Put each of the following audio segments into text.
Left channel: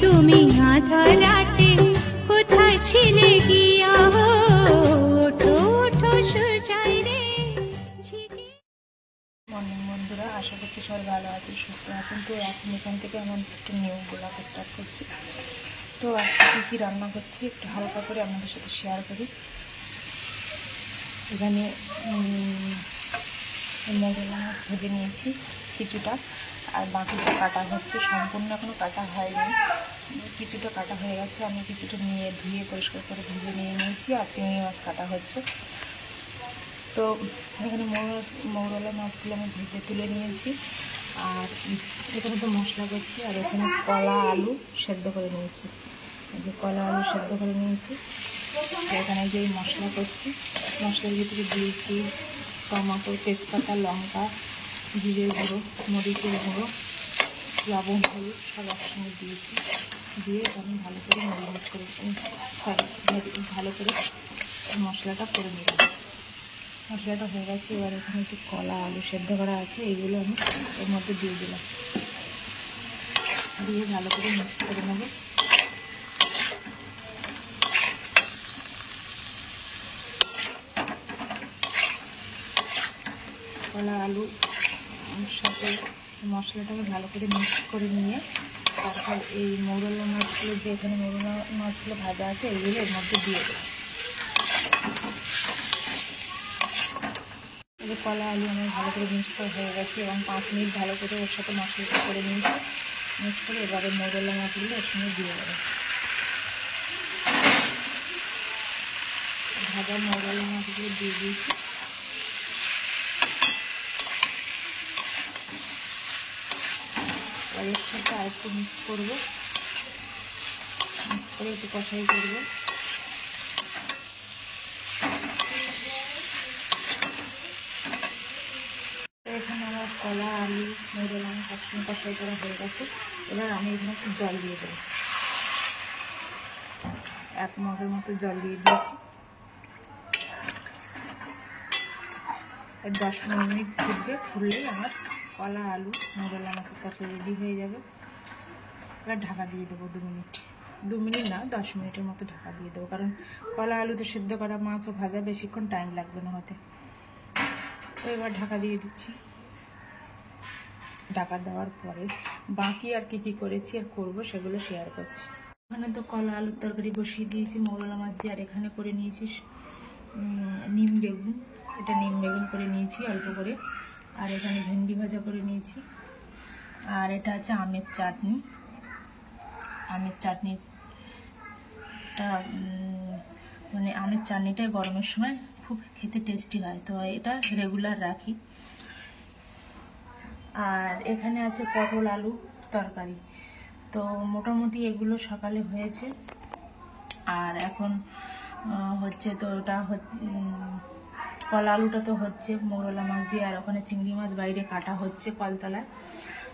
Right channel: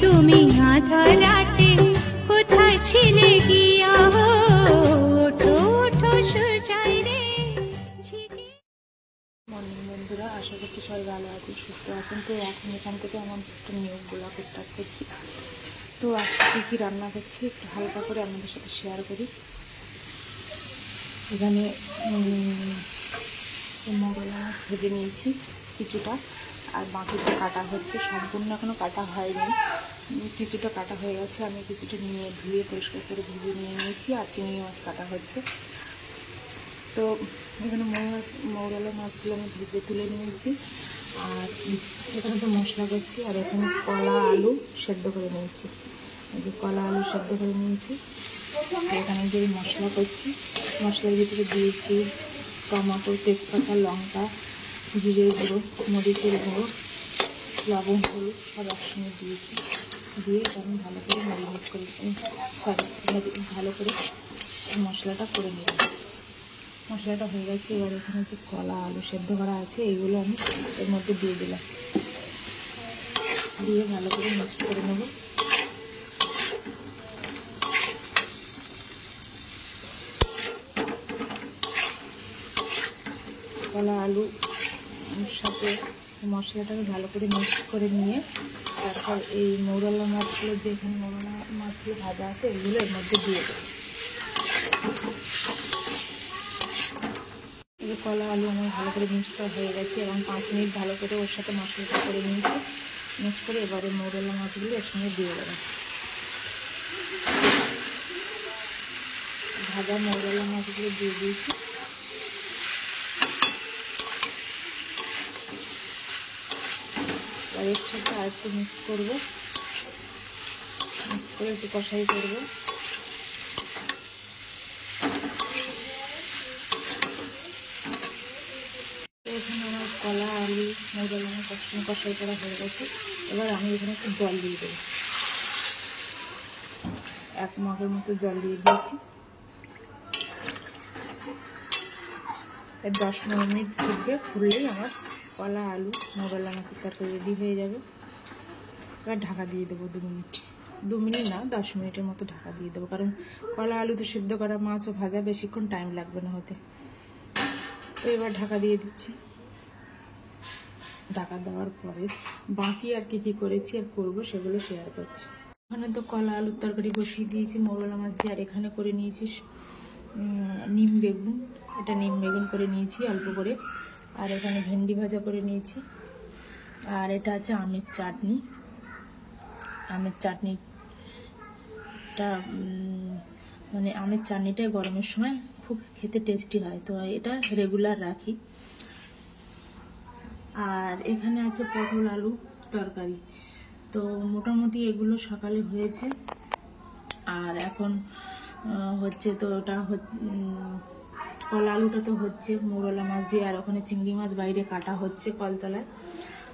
তুমি আধা রাতে কোথায় ছিলে গিয়া ওঠো ওঠো সূর্যায় রে। মর্নিং বন্ধুরা, আশা করছি সবাই ভালো আছেন, সুস্থ আছেন। তো এখন এখান থেকে আমার একটু নিউ ব্লগ স্টার্ট করছি। তো আজকে কী কী রান্না করছি একটু হালকা করে আপনাদের সাথে শেয়ার করি। এখানে মোগলা মাছ ভেজে নিয়েছি কিছুটা, আর বাকিটা কাটা হচ্ছে, সম্পূর্ণ এখনও কাটা হয়নি, কিছুটা কাটা হয়ে গেছে। আমি কিছুটা নিয়ে ধুয়ে পরিষ্কার করে ভেজে নিয়ে নিয়েছি, আর চিংড়ি মাছ কাটা হচ্ছে। তো এখানে মৌরলা মাছগুলো আমি ভেজে তুলে নিয়েছি, আর এখানে তো মশলা করছি, আর এখানে কলা আলু সেদ্ধ করে নিয়েছি। এই যে কলা আলু সেদ্ধ করে নিয়েছি। এখানে যে মশলা করছি, মশলার ভিতরে দিয়েছি টমেটো, তেজপাতা, লঙ্কা, জিরের গুঁড়ো, মরিচের গুঁড়ো, লবণ, হলুদ সব একসঙ্গে দিয়েছি। দিয়ে আমি ভালো করে ম্যারিনেট করে ভালো করে মশলাটা করে নিলাম। মশলাটা হয়ে গেছে। এবার এখানে যে কলা আলু সেদ্ধ করা আছে এইগুলো আমি এর মধ্যে দিয়ে দিলাম, দিয়ে ভালো করে মিক্সড করে নেব। কলা আলু সাথে মশলাটাকে ভালো করে মিক্স করে নিয়ে তারপর এই মৌরলা মাছগুলো, যে এখানে মৌরলা মাছগুলো ভাজা আছে এইগুলো এর মধ্যে দিয়ে দেবো। এবার কলা আলু আমার ভালো করে মিক্স করা হয়ে গেছে এবং 5 মিনিট ভালো করে ওর সাথে মশলাটা করে নিয়েছি। মিক্স করে এবারে মৌরলা মাছগুলো এর সঙ্গে দিয়ে দেবো। ভাজা মৌরলা মাছগুলো দিয়ে দিয়েছি। আর এর সাথে আর একটু মিক্স করবো, মিক্স করে একটু কষাই করবো। এখানে আমার কলা আলু মৌরলা মাছ একসঙ্গে কষাই করা হয়ে গেছে। এবার আমি এখানে একটু জল দিয়ে দেবো, 1 মগের মতো জল দিয়ে দিয়েছি। 10-15 মিনিট ফুটবে, ফুললেই আমার কলা আলু মৌরলা মাছের তরকারি রেডি হয়ে যাবে। এবার ঢাকা দিয়ে দেবো 2 মিনিট, 2 মিনিট না 10 মিনিটের মতো ঢাকা দিয়ে দেবো, কারণ কলা আলুতে সিদ্ধ করা মাছ ও ভাজা বেশিক্ষণ টাইম লাগবে না হতে। তো এবার ঢাকা দিয়ে দিচ্ছি। ঢাকা দেওয়ার পরে বাকি আর কি করেছি আর করবো সেগুলো শেয়ার করছি। ওখানে তো কলা আলুর তরকারি বসিয়ে দিয়েছি মৌরলা মাছ দিয়ে, আর এখানে করে নিয়েছি নিম বেগুন, এটা নিম বেগুন করে নিয়েছি অল্প করে, আর এখানে ভেন্ডি ভাজা করে নিয়েছি, আর এটা আছে আমের চাটনি। আমের চাটনিটা মানে আমের চাটনিটা গরমের সময় খুব খেতে টেস্টি হয়, তো এটা রেগুলার রাখি। আর এখানে আছে পটল আলু তরকারি। তো মোটামুটি এগুলো সকালে হয়েছে, আর এখন হচ্ছে তো ওটা কলা আলুটা তো হচ্ছে মৌরলা মাছ দিয়ে, আর ওখানে চিংড়ি মাছ বাইরে কাটা হচ্ছে কলতলায়।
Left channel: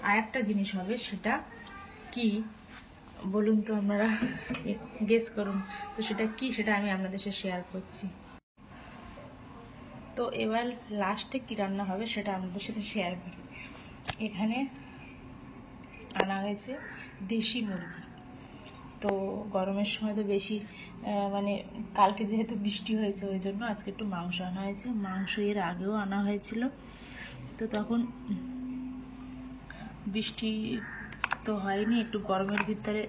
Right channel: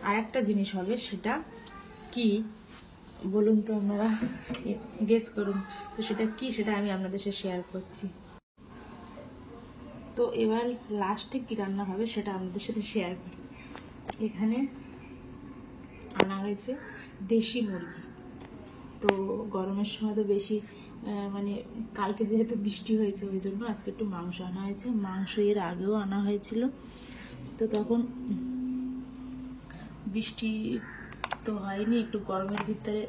আর একটা জিনিস হবে, সেটা কি বলুন তো, আপনারা গেস করুন তো সেটা কি, সেটা আমি আপনাদের সাথে শেয়ার করছি। তো এবার লাস্টে কি রান্না হবে সেটা আপনাদের সাথে শেয়ার করি। এখানে আনা হয়েছে দেশি মুরগি। তো গরমের সময় তো বেশি মানে কালকে যেহেতু বৃষ্টি হয়েছে ওই জন্য আজকে একটু মাংস আনা হয়েছে। মাংস এর আগেও আনা হয়েছিল, তো তখন বৃষ্টি তো হয়নি, একটু গরমের ভিতরে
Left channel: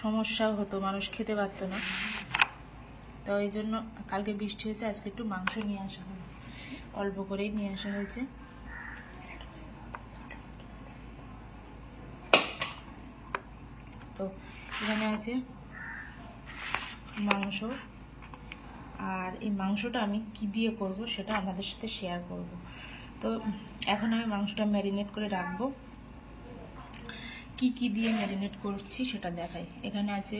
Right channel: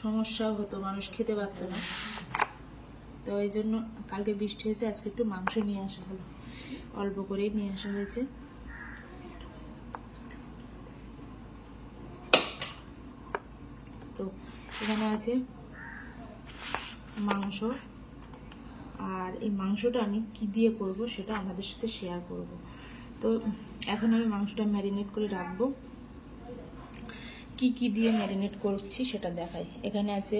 সমস্যাও হতো, মানুষ খেতে পারতো না। তো এই জন্য কালকে বৃষ্টি হয়েছে, আজকে একটু মাংস নিয়ে আসা হলো, অল্প করেই নিয়ে আসা হয়েছে। তো এখানে আছে মাংস, আর এই মাংসটা আমি কি দিয়ে করব সেটা আপনাদের সাথে শেয়ার করব। তো এখন আমি মাংসটা ম্যারিনেট করে রাখবো। কি দিয়ে ম্যারিনেট করছি সেটা দেখাই। এখানে আছে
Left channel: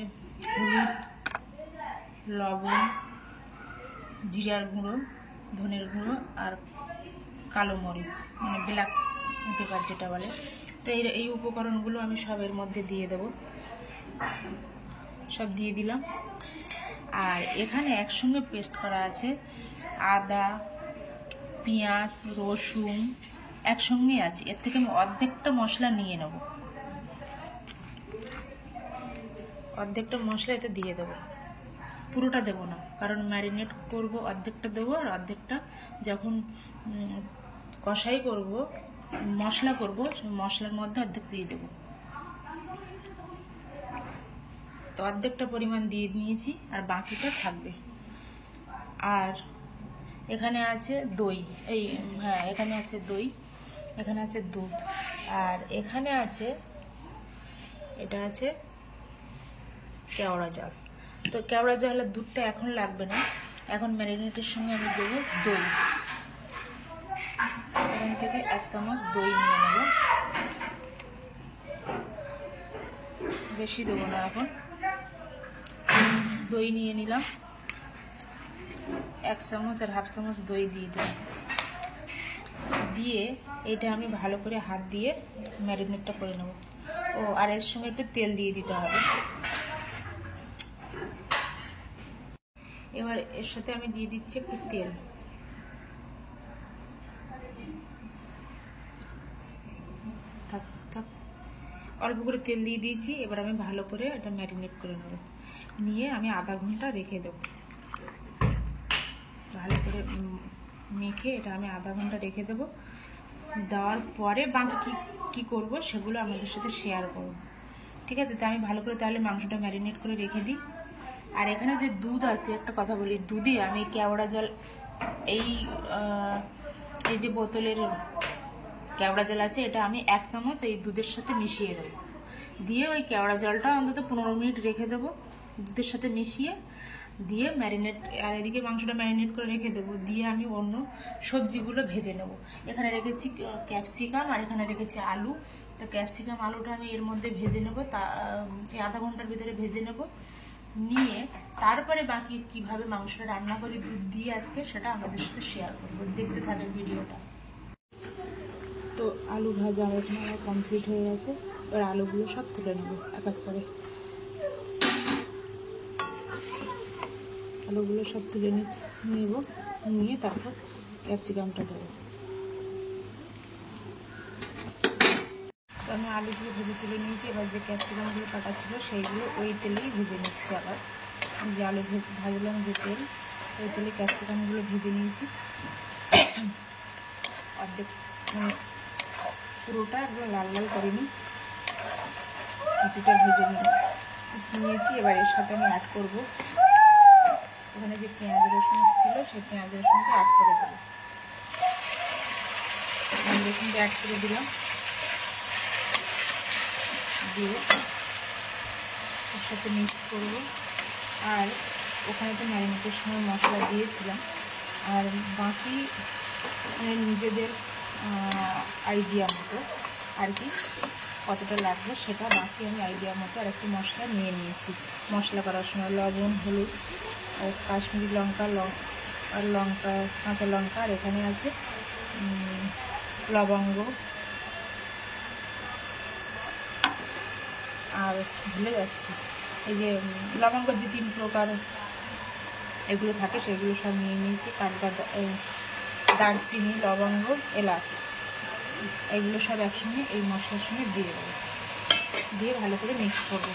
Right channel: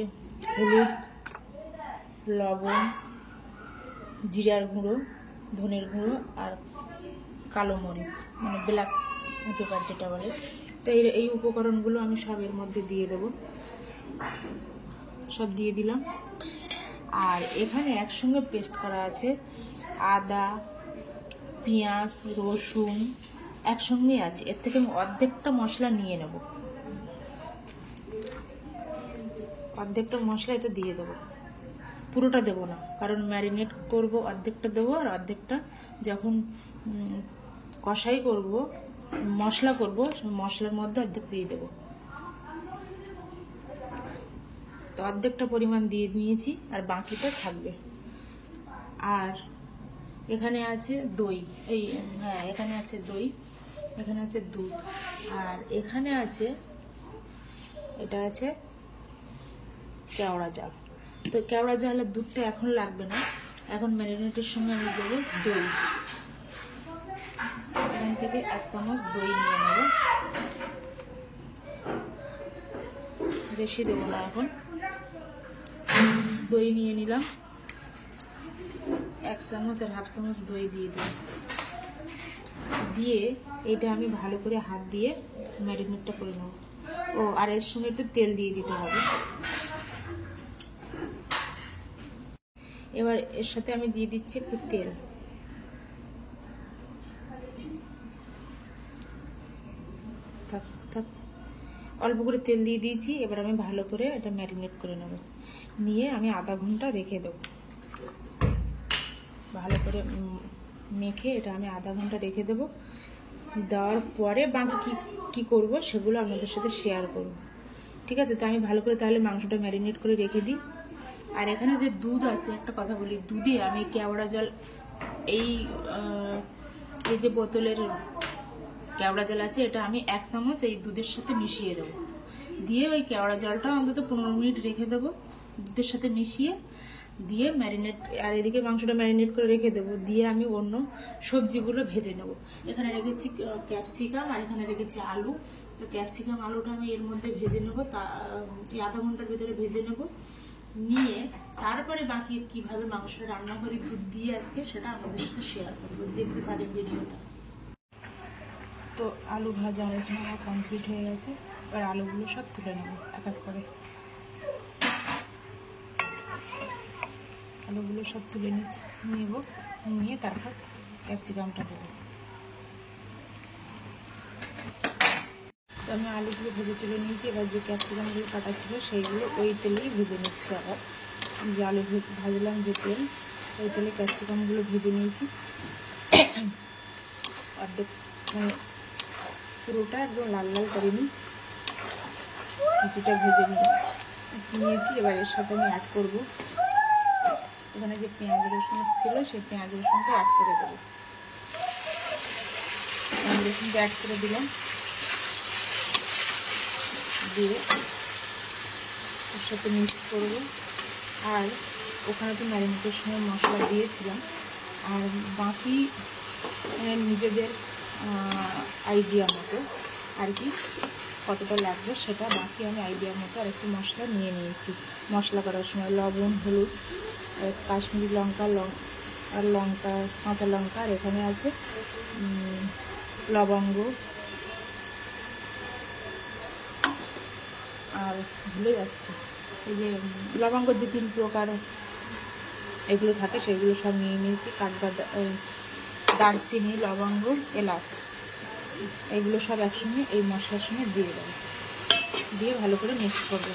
হলুদ, লবণ, জিরার গুঁড়ো, ধনের গুঁড়ো, আর কালো মরিচ, মানে ব্ল্যাক পেপার যেটা বলে। তো এই উপকরণগুলো আমি সব এর মধ্যে দিয়ে দেব, সব দিয়ে দিলাম। আর এখানে একসঙ্গে পেস্ট করা আছে আদা, পেঁয়াজ, রসুন একসঙ্গে আছে। এর থেকে আমি অর্ধেকটা মশলা নিয়ে নেব। অর্ধেকটা মশলা এতে দিয়ে দেবো, পুরোটা দেবো না, কারণ ম্যারিনেট করব অর্ধেকটা দেবো, আর অর্ধেকটা যখন কষাই করব, মশলা করব, মশলার মধ্যে অর্ধেক দিয়ে দেবো। তো অর্ধেকটা পরিমাণ দিয়ে নিয়েছি, আর বাকিটা থাকবে। আর এখানে আছে দই, হ্যাঁ এখানে আছে দই, এখানে আছে দুধ, আর এখানে আছে, এটা আছে কেওড়া জল। তো কেওড়া জল আর দুধটা এখন লাগবে না, এখন ম্যারিনেটের সঙ্গে আমি দেবো দই। এখান থেকে 1 চামচ দই নিয়ে নেব, বেশি দেবো না, এখন দই নিয়ে নিলাম, 1 চামচ আর 1/2 চামচ দই দিয়ে দেব। দিয়ে এটা আমি ভালো করে হাত দিয়ে ম্যারিনেটটা করে নেব। ও আর এর সঙ্গে একটু তেল দিয়ে দিতে হবে। এবার এর সাথে আমি দিয়ে দিচ্ছি একটু তেল, থাক থাক, অল্প করে তেল দিয়ে দিয়েছি। এবার আমি ভালো করে এটা ম্যারিনেট করে নেব, নিয়ে আমি আধা ঘন্টা রেখে দেবো। ভালো করে মেখে এটা আমি আধা ঘন্টা রেখে দেবো। দেওয়ার পরে বাকি কি করব সেগুলো আপনাদের সাথে শেয়ার করব, ঠিক আছে? তো আমি ভালো করে তাহলে মাংসটা ম্যারিনেট করে রেখে দিই। আর এখানে যে দুধ আছে, একটা কথা বলি, দুধে আমি কেওড়া জল, এই যে বোতলের কেওড়া জল আছে, এটা আমি 1 চামচ এই দুধের সাথে মিশিয়ে দেবো। দিয়ে ওই কেওড়া জলটা অন্তত 15 মিনিট রেখে দেবো দুধের সাথে মিশিয়ে, দিয়ে ম্যারিনেট, আর এদিকে মাংসটা ম্যারিনেট করে রেখে দেবো। দিয়ে আমি অন্য সবজিগুলো ভেজে নেব। এখানে রেখেছি ক্যাপসিকাম, আর এখানে রেখেছি আলু। তো ক্যাপসিকাম আলুটা আমি এর মধ্যে ভেজে নেব, এই আধা ঘন্টার ভিতরে ভেজে নেব। নিয়ে তারপরে বাকি কিভাবে মাংসটা রান্না করি দুধ দিয়ে আজকে, সেটা আমাদের সাথে শেয়ার করবো। দেখতে থাকেন ভিডিওটা। তো আলু ভাজা এখানে আমার কমপ্লিট হয়ে গেছে। এবার আলুগুলো সব তুলে নেব এক এক করে। আলুগুলো সব তুলে নেব, নিয়ে তারপর ক্যাপসিকামটা দেবো। তো আমি আলুগুলো ভেজে তুলে নিয়েছি। এবার যে ক্যাপসিকামগুলো কাটা ছিল সেইগুলো ওই তেলেই ভেজে নিচ্ছি। আবার যে আলু ভাজলাম যে তেল, ওই তেলে ক্যাপসিকামগুলো ভেজে নিয়েছি। অর্ধেক মানে পুরোটা একদম লাল লাল করিনি, কিছুটা ভেজে নিয়েছি। এবার এর সাথে আমি অ্যাড করব, এখানে যে পেঁয়াজ রসুন ছিল সেই পেঁয়াজ রসুনটা অ্যাড করে দেবো। পেঁয়াজ রসুনটা অ্যাড করে দিলাম, দিয়ে এর সাথে মিক্স করব। আর ওখানে তো ম্যারিনেটের সময় মশলা দিয়েছিলাম, আর বাকি নিজেদের আইডিয়া মতো আর কি কতটা লাগবে সেটা বাকি আমি আইডিয়া মতো আর একটু মশলা নিয়ে নিয়েছি। মশলা করার সময় লবণ, হলুদ, কাশ্মীরি লঙ্কা, আর লঙ্কা, কাঁচা লঙ্কা, আর এখানে আছে লবঙ্গ, আর ভুলে যাচ্ছি এই যে লবঙ্গ যে 3 প্রকার এগুলো থাকে সেগুলো সব নিয়ে নিয়েছি। দারচিনি, লবঙ্গ, এলাচ, এগুলো সব একসঙ্গে এই মশলার সঙ্গে দিয়ে দেবো। দিয়ে ভালো করে মিক্স করবো।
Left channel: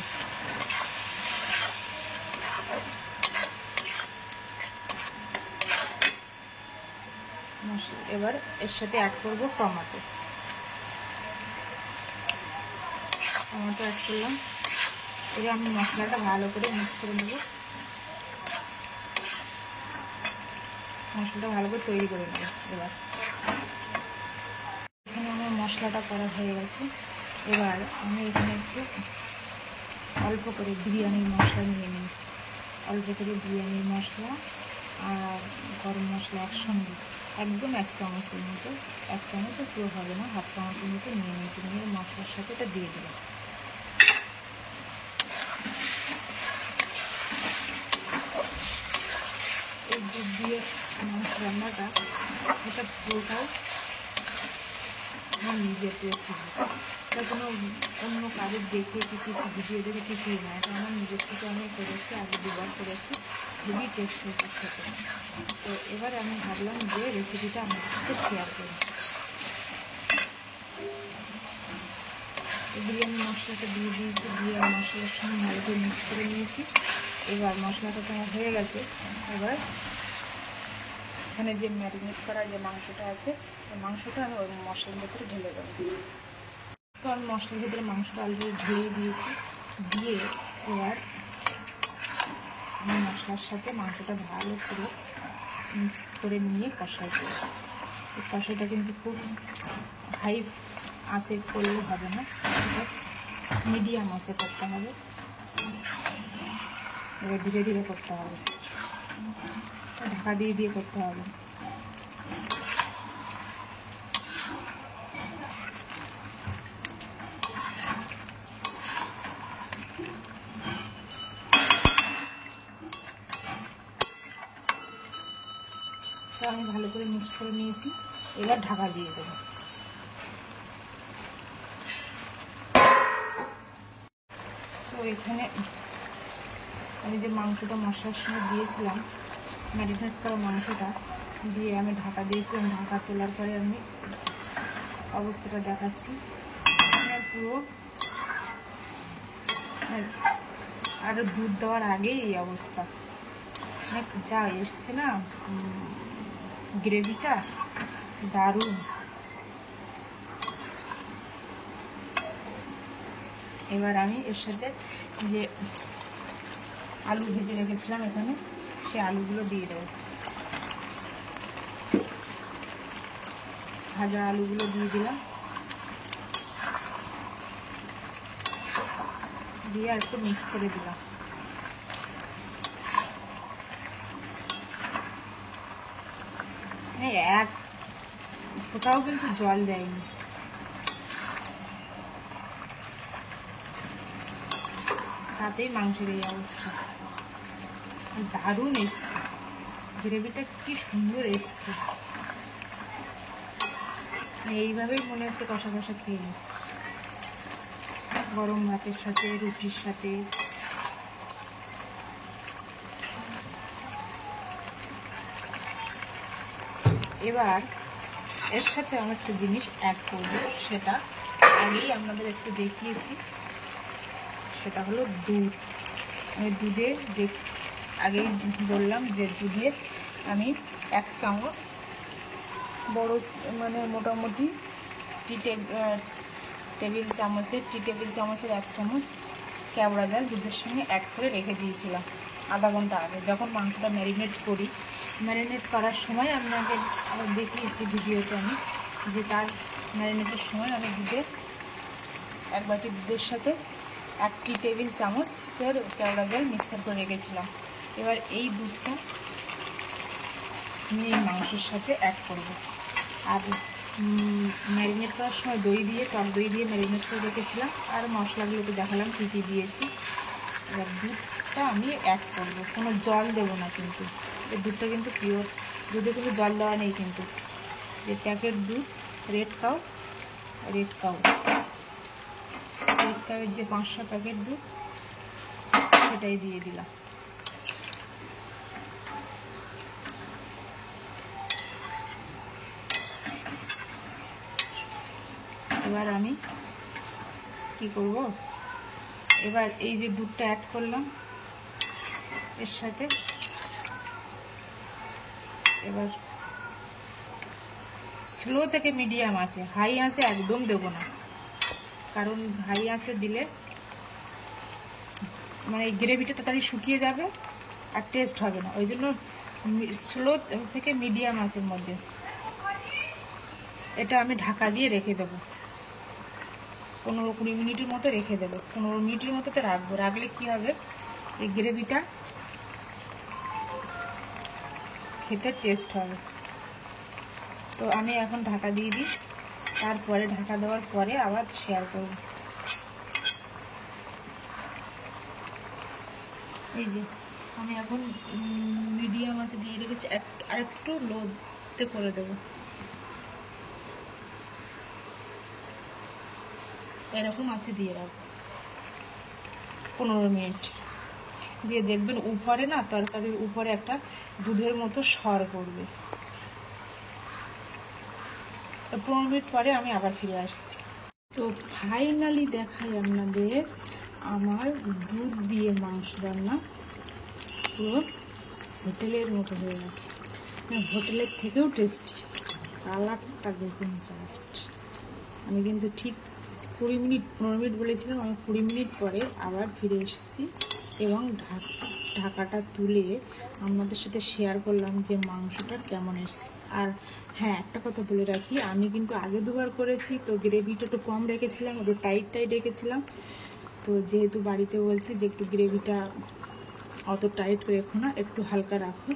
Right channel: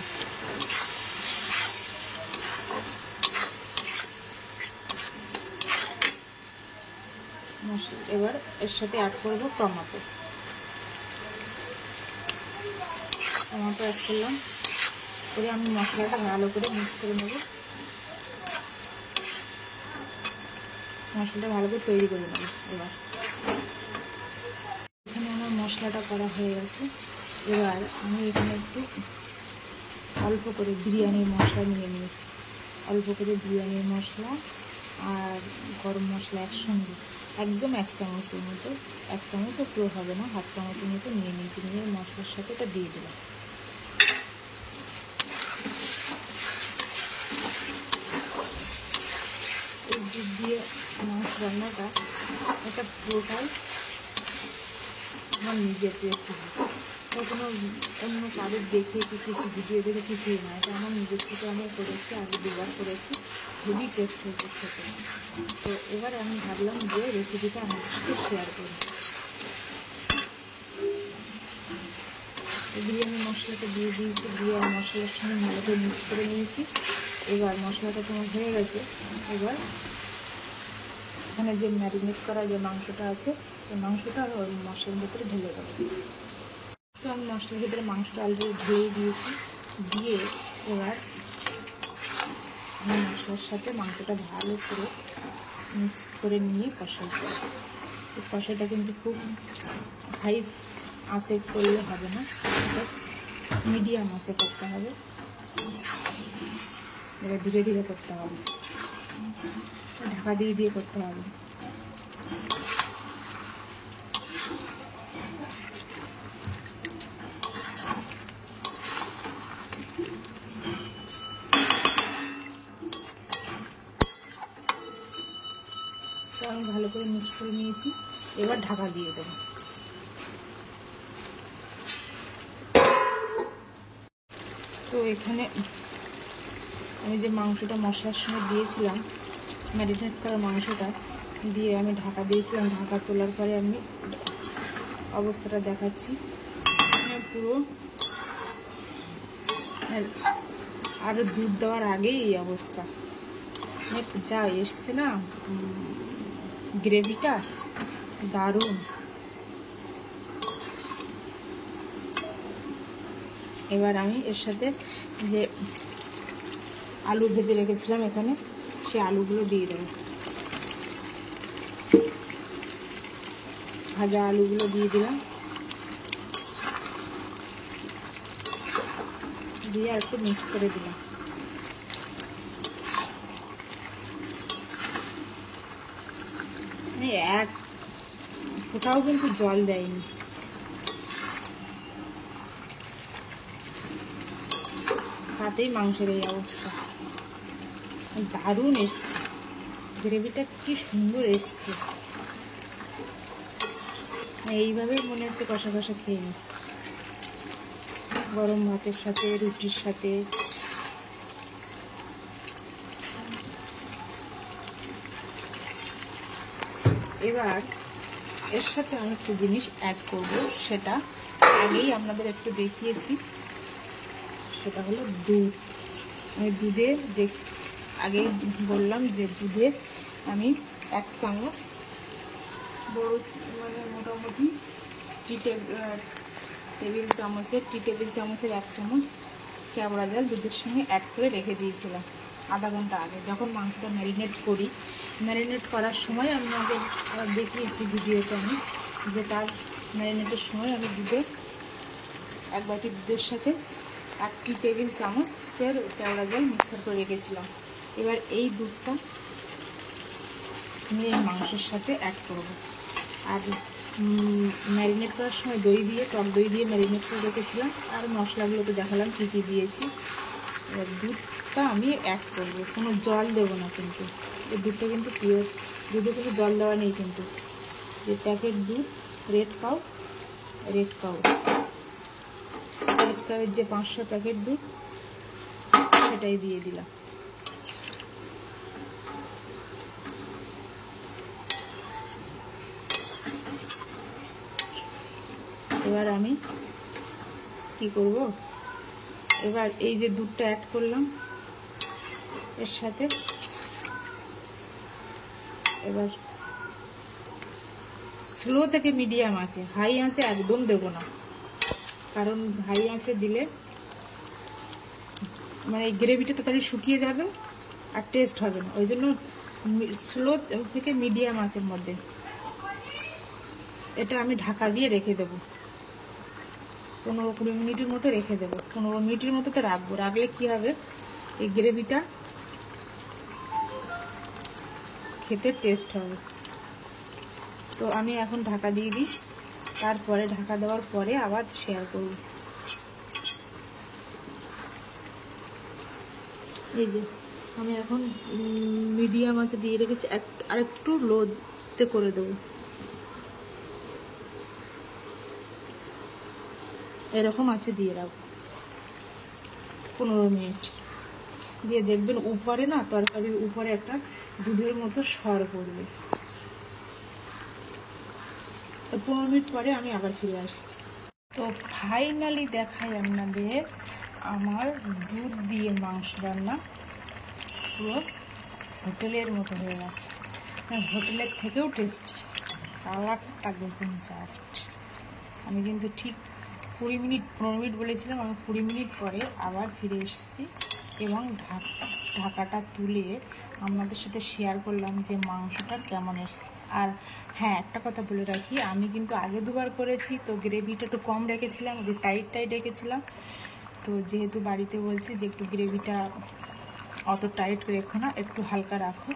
এবার এর সাথে অ্যাড করব টমেটো অ্যাড করলাম। করে আমি মশলাটা ভালো করে মিক্স করে নেব। মশলাটা ভালো করে তৈরি করে নেব। এবার এখানে আমার মশলাটা করা হয়ে গেছে। এবার আমি এখানে একটু অল্প করে বিরিয়ানির মশলা নিয়ে নিয়েছি। অল্প করে বিরিয়ানির মশলা আর গরম মশলা একসঙ্গে একদম 1 চামচের মতো, 1 চামচও পুরো হবে না, 1/2 চামচের মতো নিয়ে নিয়েছি। নিয়ে মশলার সাথে এটা দিয়ে দিলাম। এই দুধ দিয়ে মাংস রান্নাটা এটা পুরোটাই আমার নিজের রেসিপি। এটা কোনো অন্য কারোর দেখে কিছু ভিডিও দেখে কিছুই না, এটা আমার নিজের থেকে আমি করেছি, আগে 2বার করেছি, খুবই টেস্ট হয়েছে খেতে। তো এবার আমি ভাবলাম যে রেসিপিটা আমার সাথে শেয়ার করি। বিরিয়ানি মশলাটা দিয়ে দিয়েছি, দিয়ে আর মশলার সঙ্গে ভালো করে মিক্স করে নিয়েছি। এবার মশলাটা তোমার হয়ে গেছে। এবার এখানে যে ম্যারিনেট করা যে মাংসটা আছে, ওই মাংসটা আমি ওই মশলার ভেতরে ঢেলে দেবো। তো আমি মশলার ভেতরে মাংসটা অলরেডি ঢেলে দিয়েছি। দিয়ে এবার আমি মশলার সাথে মাংসটা ভালো করে মিক্স করে নিয়ে কষাই করব। এই কষাইটা কিন্তু খুব হাই আঁচে করলে হবে না, মিডিয়াম আঁচে করতে হবে। এবার ধীরে ধীরে করতে হবে, ঢাকা দিয়ে দিয়ে করতে হবে। তো আমি ভালো করে মিক্স করে নিয়েছি, এবার ঢাকা দিয়ে দেবো। তো এখানে আমি যে মাংসটা মশলার সঙ্গে দিয়েছিলাম, ম্যারিনেট করা মাংসটা দিয়ে আমি ঢাকা দিয়েছিলাম। ঢাকা তোলার পরে আমি অবস্থাটা দেখাচ্ছি। পুরো আরও দুধ দেওয়ার আগেই এই অবস্থা, যা এসছে না গ্রেভিটা, দারুণ। এবার আমি এর সাথে যে আলু ভেজে রেখেছিলাম এখানে, সে আলুগুলো দিয়ে দেবো। ভাজা আলুগুলো দিয়ে দিলাম, দিয়ে আর একটু মিক্স করে দিলাম। এক ফোঁটাও কিন্তু জল দেয়নি। তাতেই মাংসের এই অবস্থা। দারুণ এসছে, গ্রেভিটা কি সুন্দর এসছে। এইভাবেই মনে হচ্ছে কষা কষা খেয়ে নি, গরম ভাতের সাথে, রুটির সাথে। এবার এর সাথে আমি একটা জিনিস অ্যাড করবো, সেটা আগেই আপনাদের একটু দেখিয়েছি, সেটা হলো দুধ। আমি দুধে আগেই বললাম যে দুধে আমি 1 চামচ বড়, মানে মোটামুটি টি টেবিল চামচের 1 চামচ কেওড়া জল দুধের সঙ্গে অ্যাড করে রেখে দিয়েছিলাম আধা ঘন্টা আগে। যখন মাংসটা ম্যারিনেট করি, ম্যারিনেট করার সময় আপনাকে দেখিয়েছি ভিডিওতে আমি, যে তার ম্যারিনেটের সময় আমি দুধে 1 বাটি দুধের সাথে 1 টেবিল চামচের কেওড়া জল মিক্সার করে রেখেছিলাম। এবার এই দুধটা আমি এই মাংসের সাথে অ্যাড করব। আর ম্যারিনেট করার সময় টক দই দিয়ে ম্যারিনেট করে রেখেছিলাম। আর মশলাগুলো তো দেখালাম কী কী দিয়েছি। এবার দুধটা আমি অ্যাড করব, কোনো জল দেবো না কিন্তু। এই দুধটা কিন্তু পিওর, দুধে কোনো জল দেওয়া নেই কিন্তু। যে প্যাকেট দুধ, রেড কাউয়ের যে 500 প্যাকেট দুধ, সেটাই দিয়ে দিলাম। এবার আমি কি করব, এবার এই যে দুধটা অ্যাড করলাম এর সাথে, এবার স্লো থেকে মিডিয়াম আছে, হাই আঁচে একদম দেব না। কারণ হাই আঁচে দিলে মানে এই গ্রেভিটা তাড়াতাড়ি শুকিয়ে যাবে আর টেস্ট হবে না। ওই জন্য স্লো থেকে মিডিয়াম আঁচের মধ্যে এটা আমি ঢাকা দিয়ে রেখে দেবো। 15-20 মিনিটের মতো রেখে দেবো। 15 মিনিটের মতো তো রাখবো। রাখলে কি হবে, এই গ্রেভিটা খেতে টেস্ট হবে। তো আমি এখন ঢাকা দিয়ে দিই, তারপরে ঢাকা দেওয়ার পরে আবার শেয়ার করব। এই যে আমি এখন মিডিয়াম আছে দিয়ে রেখেছি, আর একটু লোতে করে দেবো। এরকম আছে দিয়ে রাখবো 15 মিনিট। দিয়ে দেখবেন উপরে না, তরকারির উপরে একটা দুধের মতো সর পড়বে। 15 মিনিট পরে আমি আবার ফিরে আসছি। তো ফাইনালি দেখাই আপনাদের আমার দুধ দিয়ে মাংস রান্না পুরো হোটেলের মতো হয়ে গেছে, হোটেলের থেকেও টেস্টি। কালারটা দেখুন জাস্ট। আমি কিন্তু ঠিক 15 মিনিট বলেছিলাম, আমি 20 মিনিট পরে আবার ফিরে এসেছি এবং ঢাকাটা তুলে আপনাদের সাথে শেয়ার করলাম যে মাংসটা কেমন এসছে। আর হ্যাঁ, একটা কথা বলে রাখি, আমি কিন্তু আগে দুবার করেছি, তো গ্রেভিটা একটু কম রেখেছিলাম, একটু টাইট রেখেছিলাম। তো যেহেতু বাড়িতে বলছে যে একটু গ্রেভিটা অত টাইট রেখো না, একটু হালকা রাখো,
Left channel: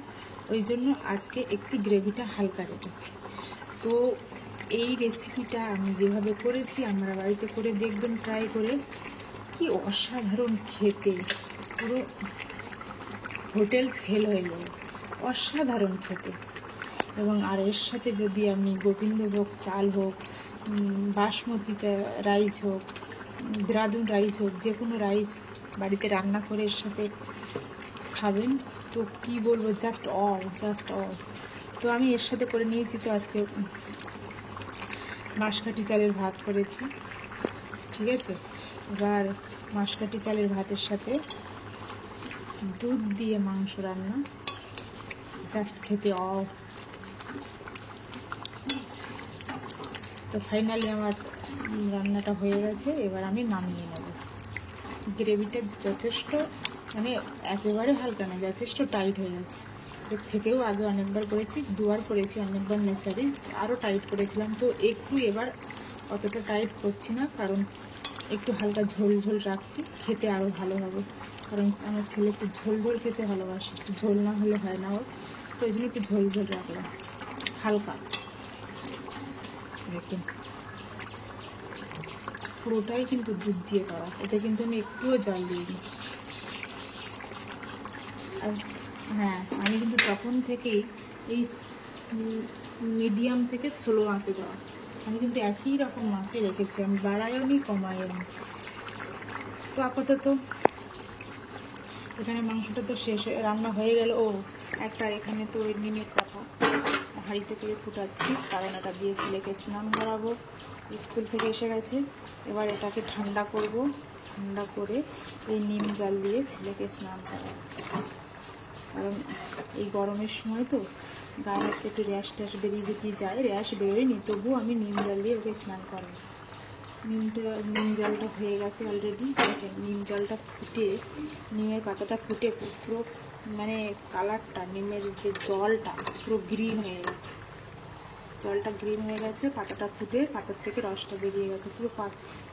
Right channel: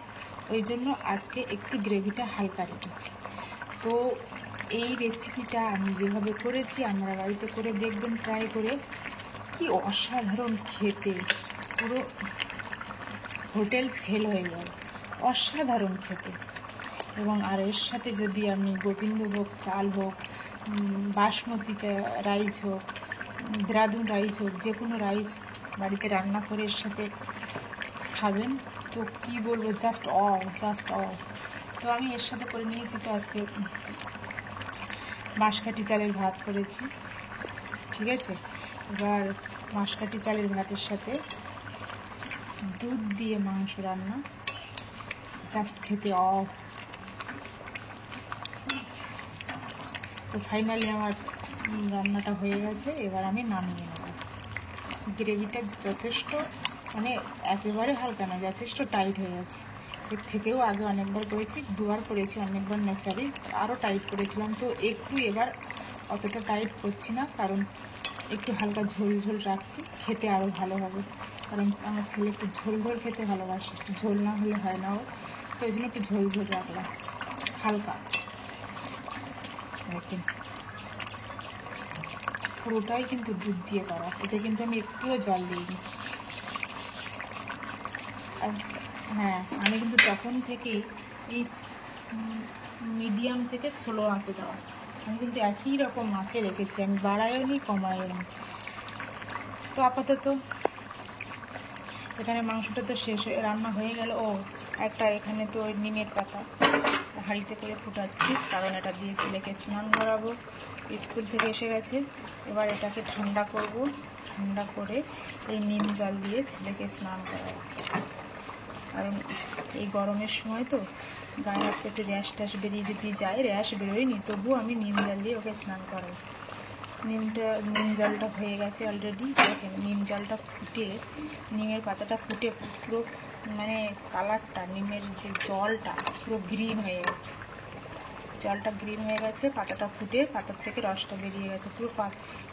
ওই জন্য আজকে একটু গ্রেভিটা হালকা রেখেছি। তো এই রেসিপিটা আমি যেভাবে করেছি আমরা বাড়িতে করে দেখবেন, ট্রাই করে। কি অসাধারণ খেতে, পুরো হোটেল ফেল হয়ে যাবে, অসাধারণ খেতে। এবং আর এর সাথে যদি আপনি গোবিন্দভোগ চাল হোক, বাসমতি রাইস হোক, দেরাদুন রাইস হোক, যে কোনো রাইস বাড়িতে রান্না করে এর সাথে খাবেন, তো কি বলবো, জাস্ট অল। তো আমি এর সাথে করে নিয়েছি, তো আজকে মাসকাঠি চালের ভাত করেছি, ঠিক আছে। এবার মাসকাঠি চালের ভাতের সাথে দুধ দিয়ে মাংস রান্না, জাস্ট খেতে তো ফাইনালি আমার রান্নাটা হয়ে গেছে, এবার আমি নামিয়ে নেব। গ্রেভিটা যথেষ্ট, মানে একেবারে হালকা না, যথেষ্ট টাইট হয়ে গেছে। এর থেকেও আগে অনেকবার করেছি, 2বার করেছি, অনেকবার না, সরি, আরও টাইট করেছিলাম। তো একটু এবার অতটা টাইট করছি না, কারণ একটু হালকা ঝোল রাখছি, খেতে আরও ভালো হবে। কারণ আমার ছেলে একটু ঝোল খেতে ভালোবাসে, একটু ঝোল না হলে হয় না ওর, তো ওই জন্য একটু ঝোল রাখলাম হালকা। দেখেন পুরোটাই কিন্তু দুধ দিয়ে করা, এতে কিন্তু আমি একটুও জল দিইনি। আর হ্যাঁ, আমি কিন্তু তখন থেকেই এই মিডিয়াম থেকে স্লো আঁচে দেওয়া, আমি কিন্তু একই রকম আঁচে রেখেছি, আমি বাড়াইও নি কমাইও নি। তো আপাতত এখানে মাংসটা তো শেষ রান্না হয়ে গেল। একটা এখানে তো ওই নিমের পাতা হাঁড়িতে করে ফুটাচ্ছি, কারণ এটা দিয়ে ছেলেকে স্নান করাবো, স্কুল থেকে এসে গেছে। এবার এটাকে ঠান্ডা করব, ঠান্ডা করে এই নিম জল দিয়ে ছেলেকে স্নান করাবো। কারণ এই গরমের সময় তো গায়ে হাতে একটু র্যাশ বেরিয়ে যদি যায়, র্যাশ বেরোয়নি, তবুও আমি নিম জল দিয়ে ওকে স্নান করাই। নিম জলটা হয়ে গেছে অলরেডি। দেখেন নিম জলটা ফুটে, নিমের পাতাটা ফুটে পুরো, মানে কালারটা, নিমের যে জলটা পুরো গ্রিন হয়ে গেছে, জলটা গ্রিন হয়ে গেছে, পাতাটা ফুটে পাতার থেকে রসটা বেরিয়ে গেছে, পুরো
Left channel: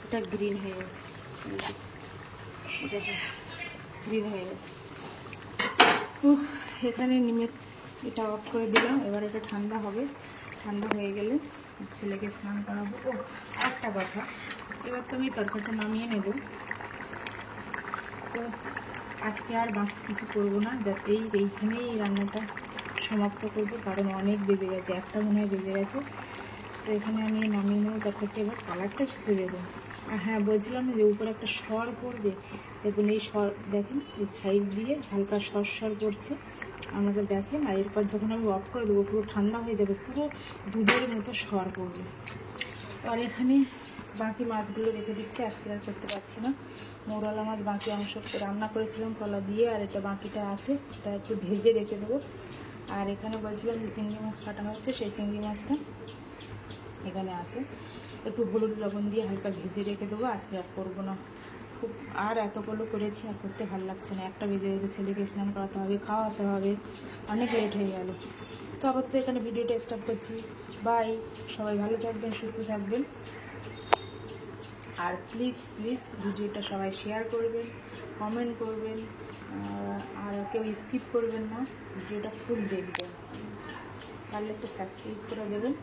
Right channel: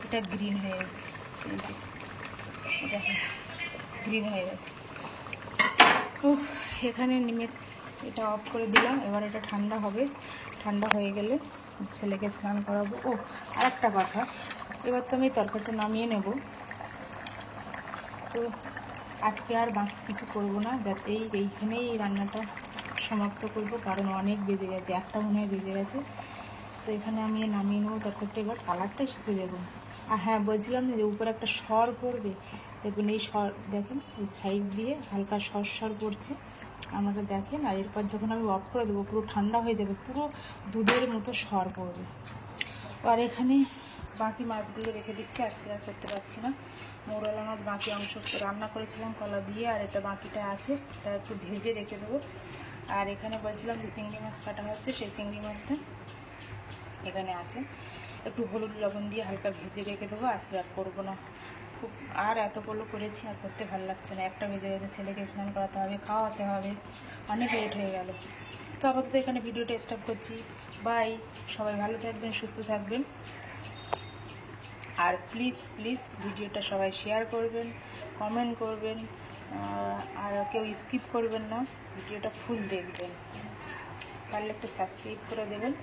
এটা গ্রিন হয়ে গেছে। এই যে দেখেন গ্রিন হয়ে গেছে। তো এখানে নিমের এটা অফ করে দিলাম, এবার এটা ঠান্ডা হবে, ঠান্ডা হয়ে গেলে ছেলেকে স্নান করাবো। আরেকটা কথা, এবার তো আমি তরকারিটা নামিয়ে নেব। তো আজকে আর বাকি কিছু করবো না, যাতেই এইখানেই রান্নাটা সমাপ্ত করব, কারণ অনেক বেজে গেছে, 1টা মনে হয় বেজে গেছে। তো এখানে আমি নামিয়ে নেবো তরকারিটা। এবার কালারটা শেষে দেবো। আর হ্যাঁ, বলছিলাম যে উপরে একটা সর পড়বে, দেখুন এই সর, দেখেন এই সাইড দিয়ে হালকা সর পড়ছে, আপনারা দেখেন। আর এরপর যখন আমি অফ করে দেবো, পুরো ঠান্ডা হয়ে যাবে, পুরো দুধের মতো সর পড়বে। আর এখানে বাকি মাছগুলো রেখে দিচ্ছি, আজকে আর করতে পারছি না। মৌরলা মাছ বাকি অংশ রান্না করেছিলাম কলা দিয়ে, আর এটা বাকিটা আছে, এটা একটু ভেজে রেখে দেবো। আর এখানে বলছিলাম যে চিংড়ি মাছ কাটা হচ্ছে, সেই চিংড়ি মাছটা এখানে আছে, একটু হলুদ লবণ দিয়ে হালকা ভেজে রেখে দেবো। আজকে আর করবো না, খুব আর এতগুলো করেছি, আর করতে ভালো লাগছে না। 1টা বেজে গেছে, ছেলেকে স্নান করাতে হবে, খাওয়াতে হবে, অনেক লেট হয়ে গেল। তো আপাতত এখানে ভিডিওটা স্টপ করছি। বাই, সবাই ভালো থাকবেন, সুস্থ থাকবেন। আর প্লিজ ভিডিওটা সবাই শেয়ার করবেন, কমেন্ট করবেন, আর কেউ স্কিপ করবেন না, ভিডিওটা ফুল দেখবেন, পারলে একটু সাবস্ক্রাইব করে দেবেন।